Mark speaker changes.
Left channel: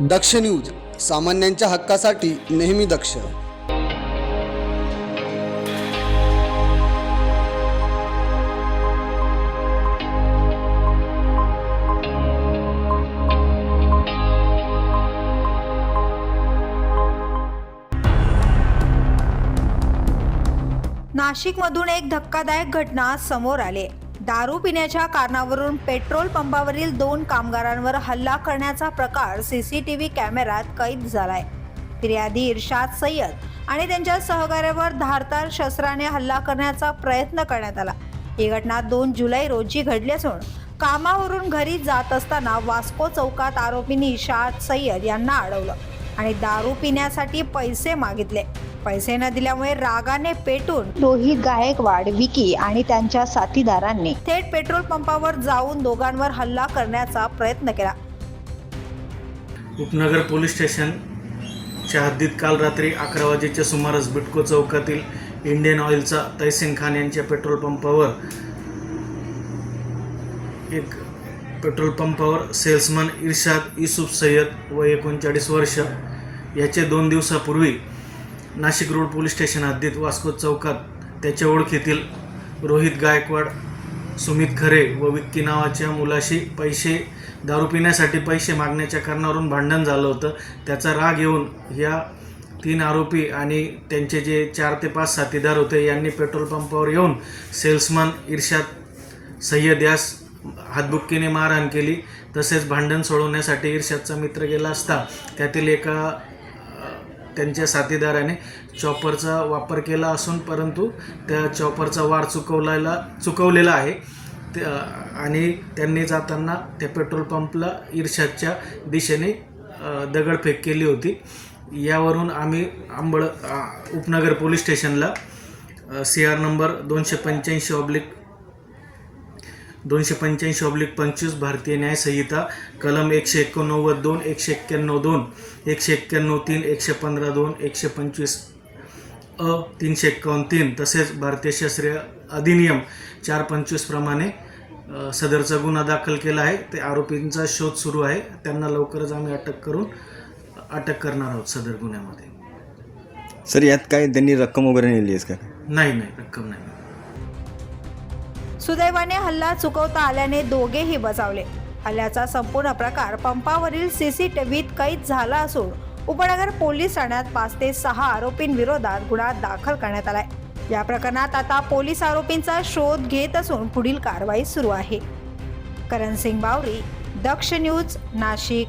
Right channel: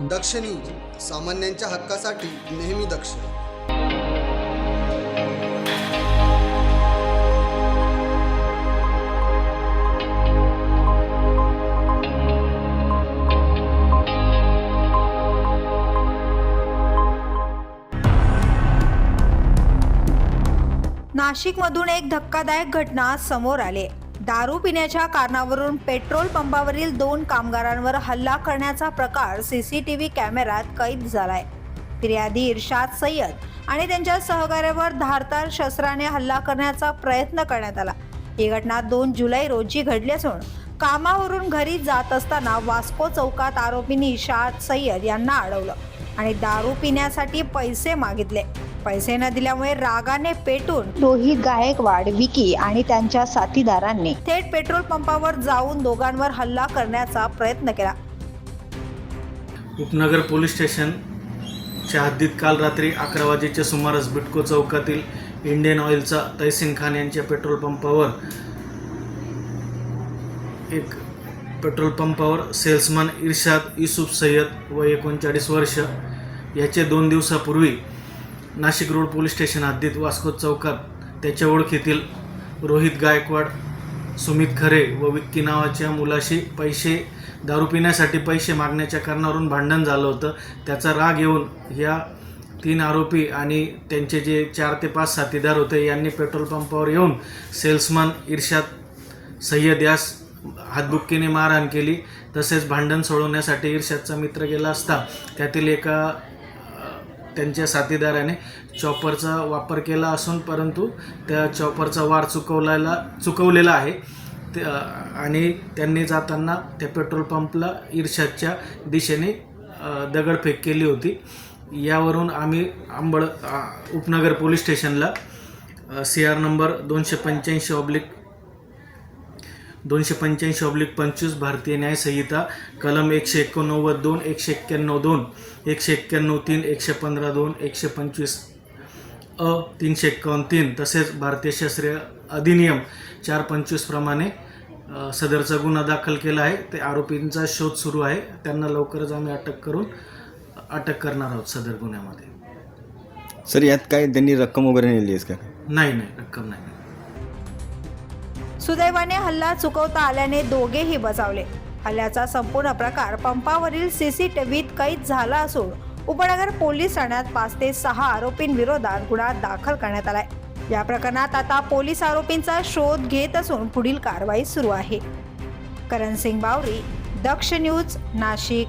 Speaker 1: दक्ष news सामान्यांच्या हक्कासाठी नेहमी दक्ष.
Speaker 2: नाशिकमधून एक धक्कादायक घटना समोर आली. दारू पिण्याच्या कारणावरून पेट्रोल पंपावरील दोन कामगारांवर हल्ला करण्याचा प्रकार सीसीटीव्ही कॅमेऱ्यात कैद झालाय. फिर्यादी इर्शाद सय्यद आणि त्यांच्या सहकार्यावर धारदार शस्त्राने हल्ला करण्याचा प्रयत्न करण्यात आला. ही घटना दोन जुलै रोजी घडली असून कामावरून घरी जात असताना वास्को चौकात आरोपींनी इशाद सय्यद यांना अडवलं आणि दारू पिण्यासाठी पैसे मागितले. पैसे न दिल्यामुळे रागाने पेटून रोहित गायकवाड विकी आणि त्यांच्या साथीदारांनी. थेट पेट्रोल पंपावर जाऊन दोघांवर हल्ला करण्याचा प्रयत्न केला.
Speaker 3: उपनगर पोलीस स्टेशनच्या हद्दीत काल रात्री अकरा वाजेच्या सुमारास बिटको चौकातील इंडियन ऑइलचा तैसिन खान यांच्या पेट्रोल पंपावर एक पेट्रोल पंपावर सेल्समन इर्शाद युसुफ सय्यद व एकोणचाळीस वर्ष याचे दोन दिवसापूर्वी नाशिक रोड पोलीस स्टेशन हद्दीत वास्को चौकात त्याच्या ओळखीतील रोहित गायकवाड सुमित खरे व विक्की नावाच्या मुलाशी पैसे दारू पिण्यासाठी पैसे मागण्याच्या कारणावरून भांडण झालं होतं. त्याचा राग येऊन या तीन आरोपी आणि त्यांचे जे चार ते पाच साथीदार होते यांनी पेट्रोल पंपावर येऊन सेल्समन इर्शाद सय्यद यास हातबुक्कीने मारहाण केली. तसेच भांडण सोडवण्यासाठी इर्शादचा मित्र गेला असता त्यातील एका त्यांच्या साथीदाराने चॉपरचा वापर केला असून परंतु त्या चॉपरचा वार चुकवलेला चुकवलेला आहे. ते आणि त्यांनी जाताना त्या पेट्रोल पंपला इर्शादच्या दिशेने दगडफेक केली होती. यावरून आम्ही आंबळ उपनगर पोलीस स्टेशनला सी आर नंबर दोनशे पंच्याऐंशी ऑब्लिक दोनशे पंच्याऐंशी ऑब्लिक पंचवीस भारतीय न्यायसंहिता कलम एकशे एकोणनव्वद दोन एकशे एक्क्याण्णव दोन एकशे एक्क्याण्णव तीन एकशे पंधरा दोन एकशे पंचवीस अ तीनशे एक्कावन्न तीन तसेच भारतीय शास्त्रीय अधिनियम चार पंचवीस प्रमाणे अ, सदरचा गुन्हा दाखल केला आहे. ते आरोपींचा शोध सुरू आहे. त्यांना लवकरच आम्ही अटक करून अटक करणार आहोत सदर गुन्ह्यामध्ये.
Speaker 4: सर यात काय त्यांनी रक्कम वगैरे नेली आहे का?
Speaker 3: नाही नाही रक्कम नाही.
Speaker 2: सुदैवाने हल्ला चुकवता आल्याने दोघेही बचावले. हल्ल्याचा संपूर्ण प्रकार पंपावरील सीसीटीव्हीत कैद झाला असून उपनगर पोलीस ठाण्यात पाच ते सहा आरोपींविरोधात गुन्हा दाखल करण्यात आलाय. या प्रकरणात आता पोलीस आरोपींचा शोध घेत असून पुढील कारवाई सुरू आहे. करण सिंग बावरी दक्ष न्यूज नाशिक.